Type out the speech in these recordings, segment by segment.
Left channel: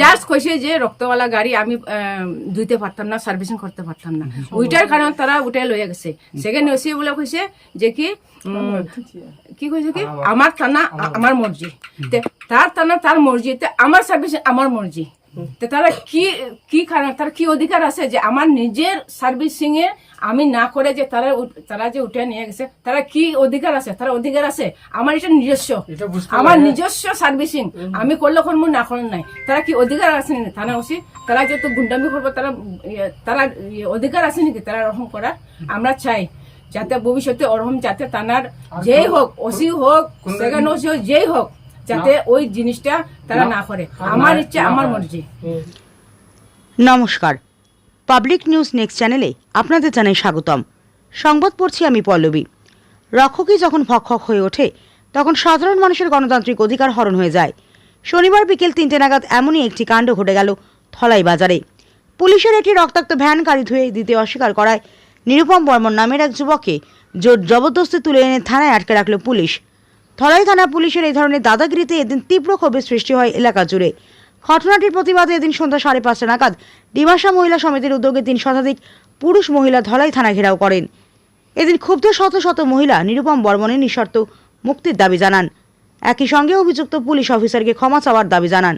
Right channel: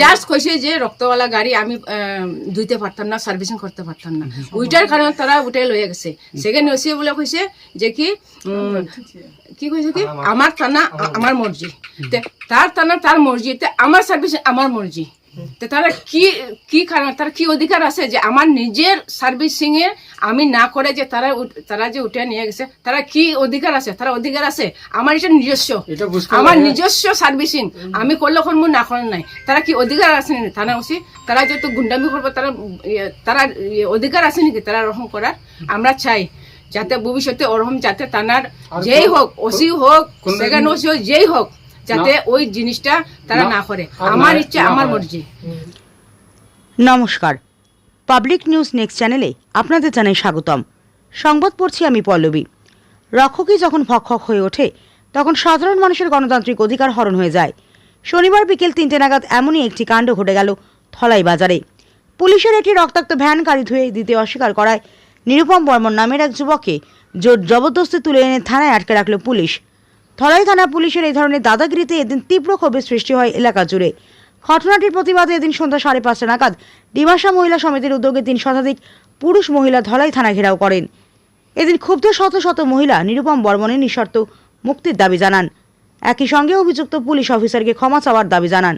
Just কইছে যে রক্তওয়ালা গাড়ি আমি ধুইতে পারতাম না, সার্ভিসিং করতে পারতাম না, ওইটার কারণে তারা উঠে লইয়া গেছে। সেকেন্ড ওসি বলে কইছে যে কি কইছে কি আমার থানা আমার মর্জি, তার থানা তার মর্জি, আমার সার্ভিস আমার মর্জি। তারা কি কারণ, তার কি অধিকার আছে যে আমার নিজের সার্ভিসিং এ আমি না করে যে তারা যে উঠে নিয়ে গেছে, তারা কি অধিকার আছে? তারা অধিকার আছে আমার এটা নিজস্ব, আমার নিজস্ব সার্ভিসিং আমি করলে করবো না করেন নাই, তারা কি অধিকার আছে নাকি? থানা ওসি তারা যেহেতু গুন্ডামি করবো, তারা অধিকার আছে নাকি তারা ওরকম করার? আমরা চাই যাতে ভবিষ্যতে ওরকম যাতে থানার যেই হোক, ওসি হোক, সেকেন্ড ওসি হোক, যেই হোক, যাতে ওই জিনিসটা তারা না করে। আমার ইচ্ছা আমার মর্জি। নমস্কার, পাবলিক নিউজ নেক্সট চ্যানেলে আপনাদের জানাই স্বাগতম। সংবাদ পড়ছি আমি পল্লবী। রক্ষকই যখন ভক্ষক হয়ে ওঠে, তখন সাধারণ মানুষের গণতান্ত্রিক অধিকার হরণ হয়ে যায়। শনিবার বিকেল 3টে নাগাদ এমনই একটি কাণ্ড ঘটে গেল ধলাই বাজারে। পুলিশের একটি রক্তাক্ত ভ্যান গাড়ি ধুয়ে দিতে অস্বীকার করায় নিরুপম বর্মন নামের এক যুবককে জোর জবরদস্তি তুলে এনে থানায় আটকে রাখল পুলিশ। ধলাই থানা পুলিশের এই ধরনের দাদাগিরিতে এদিন তীব্র ক্ষোভের সৃষ্টি হয় এলাকা জুড়ে। ঘটনাটির প্রতিবাদে এদিন সন্ধ্যা 5:30 নাগাদ ডিমাসা মহিলা সমিতির উদ্যোগে 3 শতাধিক পুরুষ মহিলা ধলাই থানা ঘেরাও করেন। এদিন ক্ষুব্ধ শত শত মহিলা নিরুপম বর্মনের নিঃশর্ত মুক্তির দাবি জানান। একই সঙ্গে অভিযুক্ত পুলিশ অফিসারকে ক্ষমা চাওয়ার দাবি জানান।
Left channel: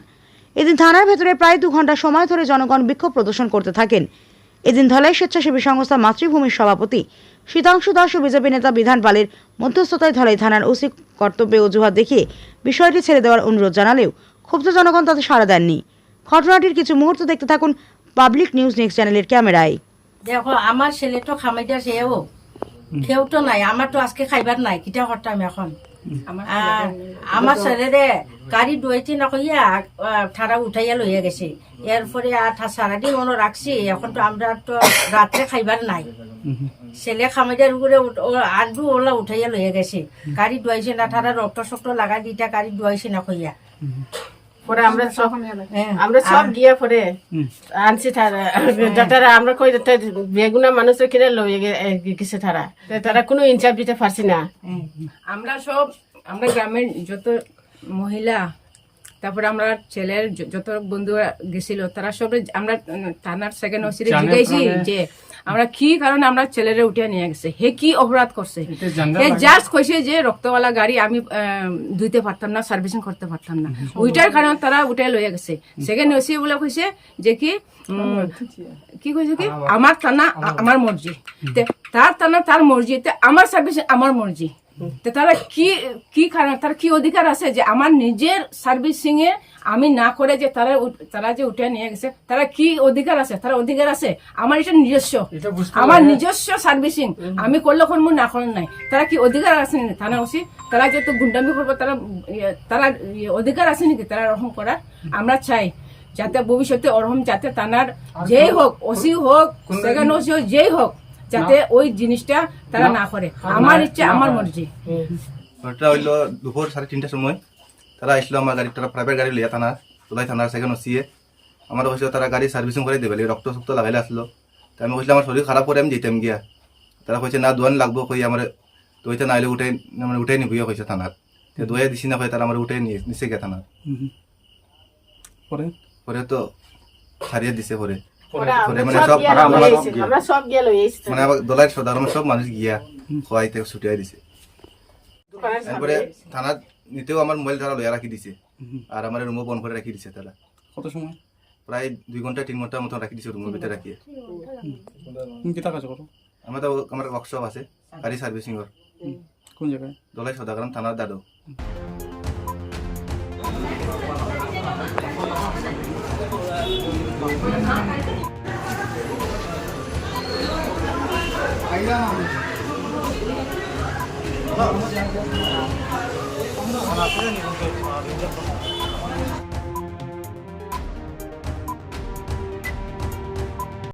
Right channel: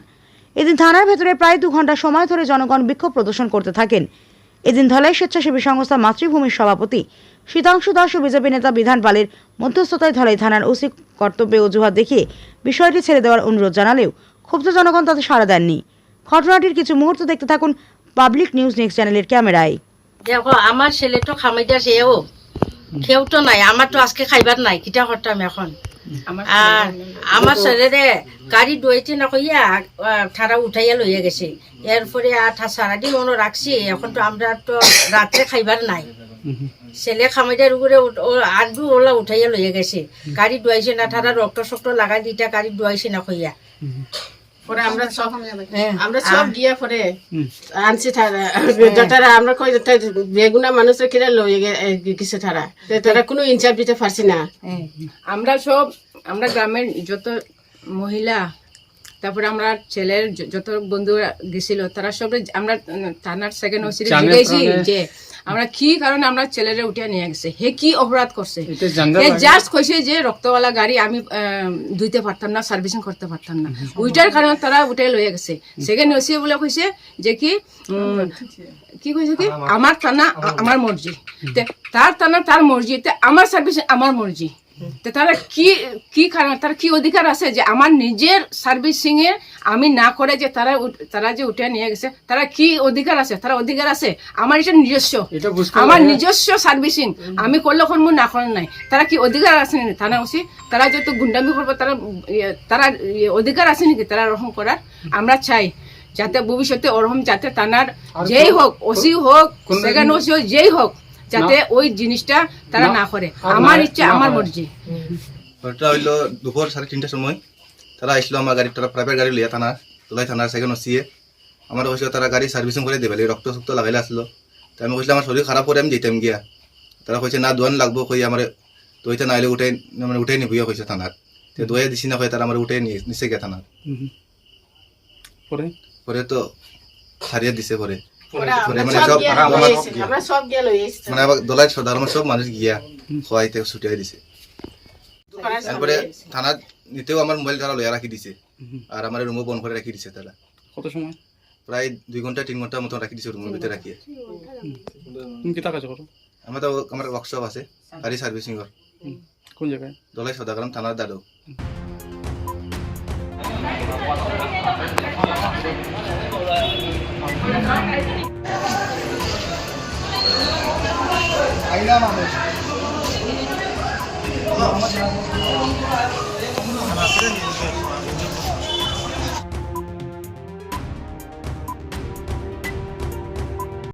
এদিন থানার ভেতরে প্রায় 2 ঘন্টা সময় ধরে জনগণ বিক্ষোভ প্রদর্শন করতে থাকেন। এদিন ধলাই স্বেচ্ছাসেবী সংস্থা মাতৃভূমির সভাপতি শীতাংশু দাস ও বিজেপি নেতা বিধান পালের মধ্যস্থতায় ধলাই থানার ওসি কর্তব্যে অজুহাত দেখিয়ে বিষয়টি ছেড়ে দেওয়ার অনুরোধ জানালেও ক্ষুব্ধ জনগণ তাতে সাড়া দেননি। ঘটনাটির কিছু মুহূর্ত দেখতে থাকুন পাবলিক নিউজ নেক্সট চ্যানেলের ক্যামেরায়। দেখো আমার ছেলে তো খামাইটা সেও কেউ তো নাই, আমার তো আজকে খাইবার নাই, কিটা করতাম এখন। আর আমার ছেলেরে গাড়ি ডুয়েছে না কইয়া ঠাড়া উঠাইয়া লইয়া গেছে। এরপরে আর সারাদিন মনে রাখছি, এখন তো আমরা তো রাত্রে খাইবার নাই। ছেলে খামাইটার উপরে আডু ওলা উঠাইয়া লইয়া গেছে, গাড়ি ডুয়াইছে না, ঠাড়া রক্ত শক্ত লাগাই দিটা গাড়ি ডুয়াইছে না কইয়া। পরে আমরা সব গিয়ে পরে আনছি তারা ডক্টর, আমরা কই বেগুনা মানুষের কিনে লইয়ে গেছে তারা, তারা কোনো ইনসাফ দিতে পারছি না। আমরা গ্রামের যত মহিলা, তারপরে আমরা ছেলের যত বন্ধুরা গেছিল, তারা সব আমরা থানার সেকেন্ড ওসিরে জিজ্ঞাসি যে আমরা কি কারণে আমরা ছেলেরা উঠে নিয়ে গেছে, হে কি অপরাধ করছে। জাস্ট কইছে যে রক্তওয়ালা গাড়ি আমি ধুইতে পারতাম না, সার্ভিসিং করতে পারতাম না, ওইটার কারণে তারা উঠে লইয়া গেছে। সেকেন্ড ওসি বলে কইছে যে কি কইছে কি আমার থানা আমার মর্জি, তার থানা তার মর্জি, আমার সার্ভিসিং আমার মর্জি। তারা কি কারণ, তার কি অধিকার আছে যে আমার নিজের সার্ভিসিং এ আমি না করে যে তারা যে উঠে নিয়ে গেছে, তারা কি অধিকার আছে? তারা অধিকার আছে আমার এটা নিজস্ব, আমার নিজস্ব সার্ভিসিং আমি করলে করবো না করেন নাই, তারা কি অধিকার আছে নাকি? থানা ওসি তারা যেহেতু গুন্ডামি করবো, তারা অধিকার আছে নাকি তারা ওরকম করার? আমরা চাই যাতে ভবিষ্যতে ওরকম যাতে থানার যেই হোক, ওসি হোক, সেকেন্ড ওসি হোক, যেই হোক, যাতে ওই জিনিসটা তারা না করে। আমার ইচ্ছা আমার মর্জি। ওটা হইলো দুপুর 3:30টার সময় তারা আসলো আমার গাড়ি, তারা প্রাইভেট গাড়ি লইয়া থানা তোলাই থানার সেকেন্ড ওসিয়ে আমার কইছিল তারা গাড়ি সার্ভিসিং করে দেবে, রক্ত শক্ত লাগাইলে আসলো। তাই আমি কইছিলাম আমার শরীর খারাপ করে আমি যেতাম গিয়া, তারা কইছে না দোয়ান লাগবো, কই আমার দইতে নাইলে উঠে নিবইয়া কইছে থানার, দইয়া দিছি না, তারা আমার উঠে নিছে গিয়া থানার। পরে তো ছাড়িয়ে দিছে। পরে মানে আবার দলাই সাধারণ সব মানুষ গিয়া খোয়াইতে ছুটিয়াই দিছে। তারপরে থানা নিতেও আমার মোবাইল তারা লইয়া রাখি দিছে, আর আমার রুমও বন্ধ করে রাখি দিছে তারা। কত সময়? প্রায় 2 ঘন্টা 3 ঘন্টার মতো রাখি দিছে রুমের ভিতরে রাখিয়ে। তুমি কি কাজ করো? আমার ওয়ার্কশপ আছে গাড়ি সার্ভিসিং এর। কোন জায়গায়? দলাই সদাগ্রাম থানার দাদু। আইলাম